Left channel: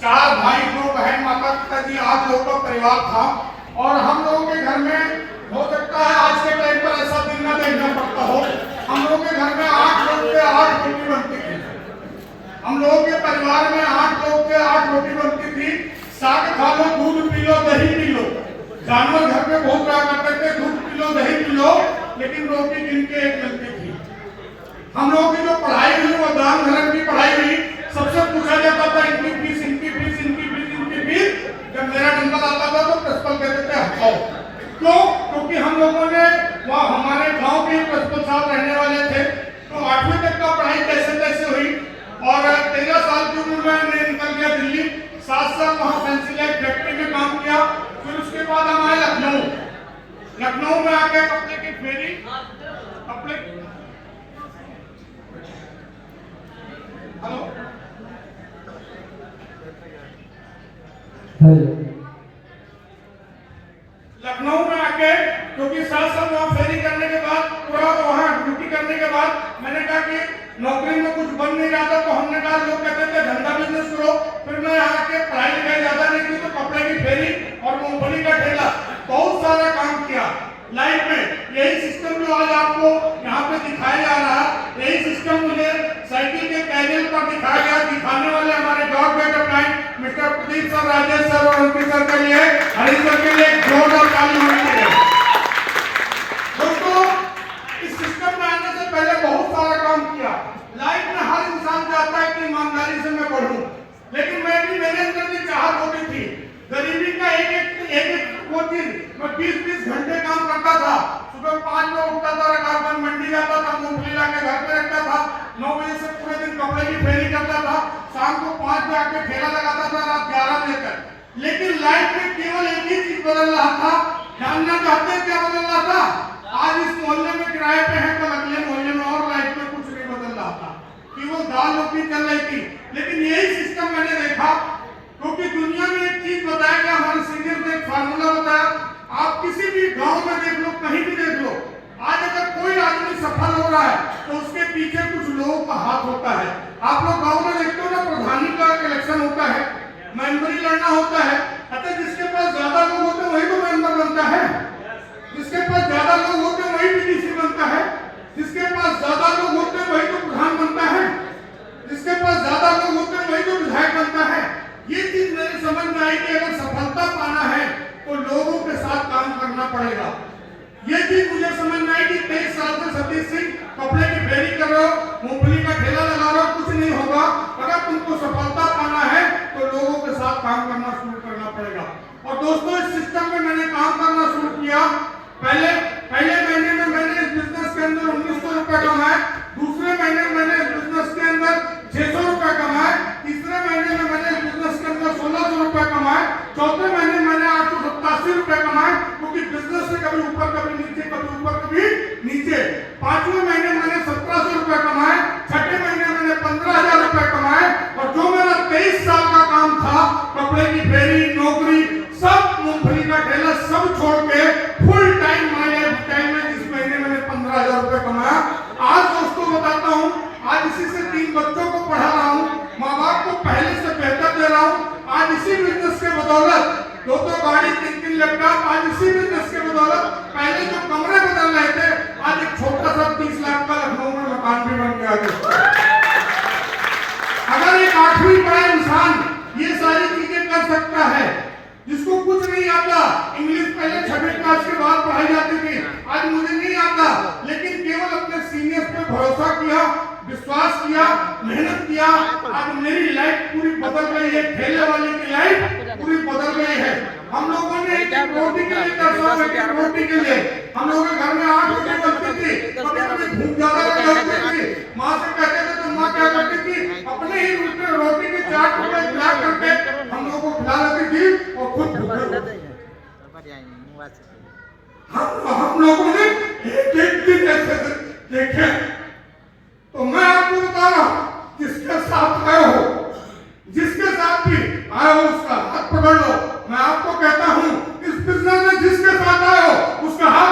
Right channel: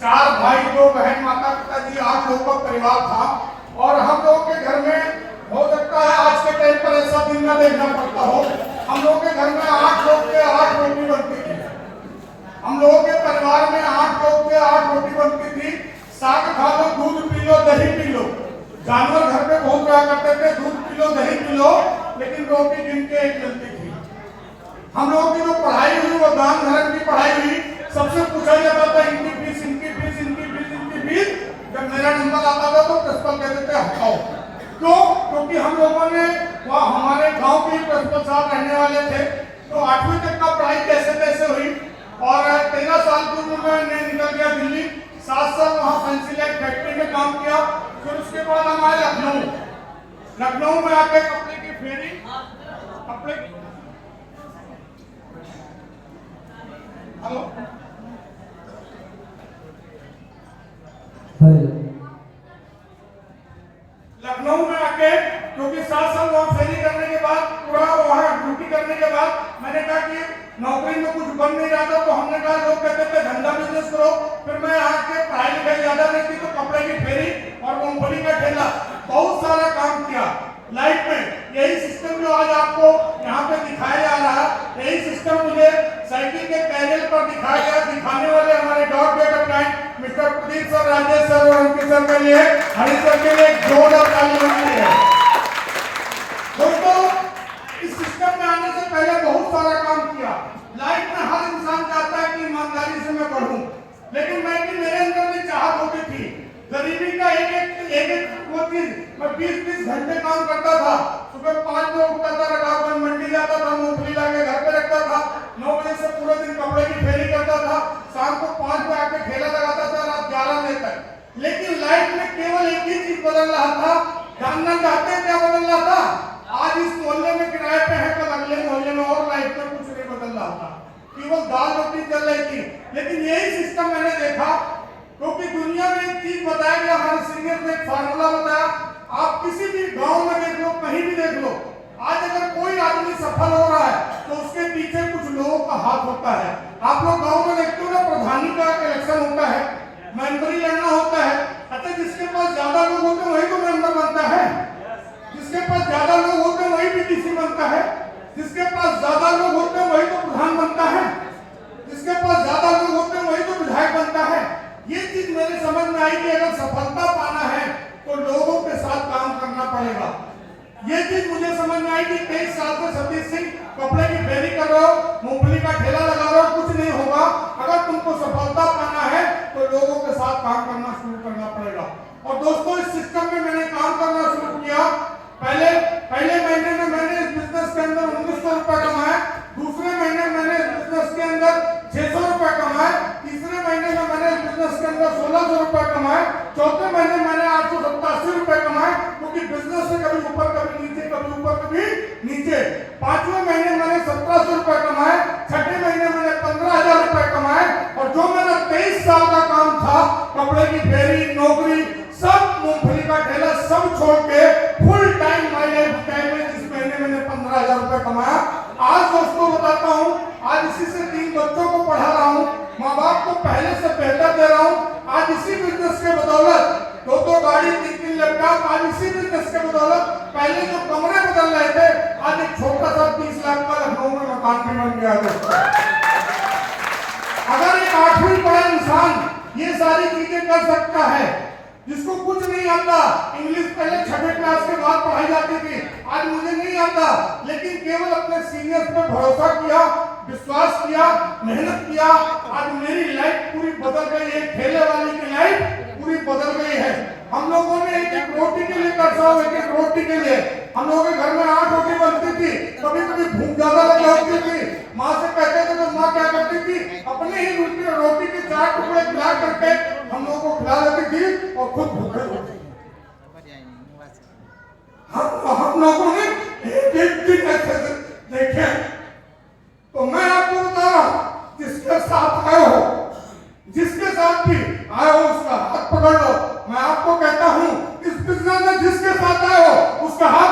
4 भाई 2 बहन, माता पिता जी, 8 लोगों का परिवार था। और हम लोगों के घर में हो सकता है आज के टाइम पर ऐसा दिन न देखना पड़ता हो, हम लोगों के घर में 8 लोग के 8 रोटी बनती थी। हम लोगों के परिवार में 8 लोग के 8 रोटी बनती थी। साग खा लो, दूध पी लो, दही पी लो। जानवर घर पे बहुत रहा करते थे, दूध पी लो, दही पी लो, लेकिन रोटी गिन के एक मिलती थी। हम लोगों की जो पढ़ाई हुई वो दान धर्म की पढ़ाई हुई। सबसे पूछा जाता था इनकी फीस, इनकी फीस, इनकी फीस, इनकी फीस। जब मेरा नंबर आता था तो प्रिंसिपल कहते थे हटाओ। क्यों? क्योंकि हम लोगों ने वहाँ हमारे गांव के प्रिंसिपल साहब रहने वाले थे, तो 8वीं तक का पढ़ाई कैसे तैसे हुई। और 13 साल की उम्र में मैं निकल गया दिल्ली। 7 साल वहाँ पेंसिल फैक्ट्री में काम किया। फिर उसके बाद हम आए लखनऊ। लखनऊ में आके कपड़े की फेरी, कपड़े, हेलो, लखनऊ में आके क्योंकि 7 साल वहाँ फेरी करने के बाद, पूरा वहाँ ड्यूटी करने के बाद मैंने कहा कि नौकरी में कुछ बन नहीं रहा था, तो हमने कहा, लोग कहते थे धंधा बिजनेस करो। फिर मैं आके पढ़ाई लिखाई ज्यादा नहीं थी, तो कपड़े की फेरी और मूंगफली का ठेला, बहुत सारा काम किया लाइफ में। यही सिस्टम जो आज आपको यहाँ पे दिखाया जा रहा, यही सिस्टम मुझे साइकिल के कैरियर पर दिखाया गया। दिखाने वाले हमारे God getup line mister Pradeep sir, Rajesh sir और उनके सर के लिए, हरीश सर के लिए जोरदार ताली होनी है। दोस्तों, इस सिस्टम में आने से पहले बहुत सारा काम किया। लाइफ में हर इंसान चाहता है कि ईमानदारी से मैं बढ़ूं, लेकिन मैं भी, मेरे अंदर भी चाहत होती थी। गरीबी का एक वो चीज, मैं 20-20 घंटे काम करता था। सुबह 5 बजे उठता था, रकाबगंज मंडी जाता था, मूंगफली लाके घर पे रखता था। 9 बजे से पूरे दिन कपड़े की फेरी करता था। शाम को 5 बजे आके ठेला लगाता था, रात 11 बजे तक। लेकिन लाइफ में केवल एक ही चीज बदल रहा था। जानना चाहते हैं क्या बदल रहा था? आज इस मोहल्ले में किराए पे है, कल अगले मोहल्ले में, और लाइफ में कुछ नहीं बदल रहा था, केवल दाल रोटी चल रही थी। लेकिन यही सिस्टम मैंने देखा, क्योंकि दुनिया में एक चीज बताया गया, हमारे सीनियर ने एक फार्मूला बताया। आप किसी भी गांव में देख लो, कहीं भी देख लो, आज अगर कोई आदमी सफल हो रहा है तो उसके पीछे कुछ लोगों का हाथ होता है। आप लोग गांव में देखते हो ना, प्रधानी का इलेक्शन होता है, मेंबरी लड़ना होता है। अच्छा, जिसके पास ज्यादा लोग होते हैं वही तो मेंबर बनता है, जिसके पास ज्यादा लोग होते हैं वही पीडीसी बनता है, जिसके पास ज्यादा लोग होते हैं वही तो प्रधान बनता है, जिसके पास ज्यादा लोग होते हैं वही तो विधायक बनता है। ये चीज मेरे समझ में आई कि अगर सफलता पाना है तो लोगों के साथ काम करना पड़ेगा। ये चीज मुझे समझ में आई कि 23 साल से सतीश सिंह कपड़े की फेरी कर रहे हो, मूंगफली का ठेला लगा रहे हो, कुछ नहीं होगा। अगर तुमको सफलता पाना है तो लोगों के साथ काम करना शुरू करना पड़ेगा। और दोस्तों, इस सिस्टम में मैंने काम करना शुरू किया। पहले महीने में मैंने इस बिजनेस के अंदर 1900 रुपए कमाए। दूसरे महीने मैंने इस बिजनेस के अंदर 600 रुपए कमाए। तीसरे महीने में मैंने इस बिजनेस के अंदर 1600 रुपए कमाए। चौथे महीने मैंने 887 रुपए कमाए, क्योंकि बिजनेस से कभी ऊपर कभी नीचे, कभी ऊपर कभी नीचे। पांचवें महीने मैंने 1700 रुपए कमाए। छठे महीने मैंने 15,000 रुपए कमाए। और जो मेरा 23 साल का काम था, कपड़े की फेरी, नौकरी, सब मूंगफली का ठेला सब छोड़ के फुल टाइम माइलेज टाइम में इस महीने मैंने 15,000 रुपए कमाया। आज दोस्तों बताता हूँ, आज इसी से 3 बच्चों को पढ़ा रहा हूँ, माँ बाप को पहले से बेहतर दे रहा हूँ। आज इसी बिजनेस के बदौलत 2 गाड़ी, 3 लैपटॉप, आज इसी बिजनेस के बदौलत। पहले जो कमरे बदल रहे थे, आज एक छोटा सा 30 लाख का लखनऊ में मकान भी बन गया है। अगर एक 8वीं पढ़ा इंसान ये सारी चीजें कर सकता है, जिसको कुछ नहीं आता, इंग्लिश पहले 6वीं क्लास के बाद पढ़ाई जाती थी, आज मुझे नहीं आता, लेकिन केवल अपने सीनियर्स पे भरोसा किया, विश्वास किया, मेहनत किया, आज मेरी लाइफ पूरी बदल गई है। ठेले वाले की लाइफ पूरी बदल गई है। हम लोगों ने एक रोटी के लिए तरसा, एक रोटी के लिए हम लोगों के घर में 8 रोटी बनती थी। कभी कभी भूख ज्यादा लग जाती थी, माँ से कहते थे तो माँ क्या करती थी, अपने ही रोटी के 4 टुकड़े खिला करके हम लोगों को खिला लेती थी और खुद हम लोगों ने एक दिन ऐसे देखे। तो मैं आपको बता रहा हूं, जिसके साथ आए हो, जिसके साथ भी आए हो, उसका हाथ पकड़ लो। मैं आपको कहता हूं, इस बिजनेस में जिसके साथ आए हो उसका हाथ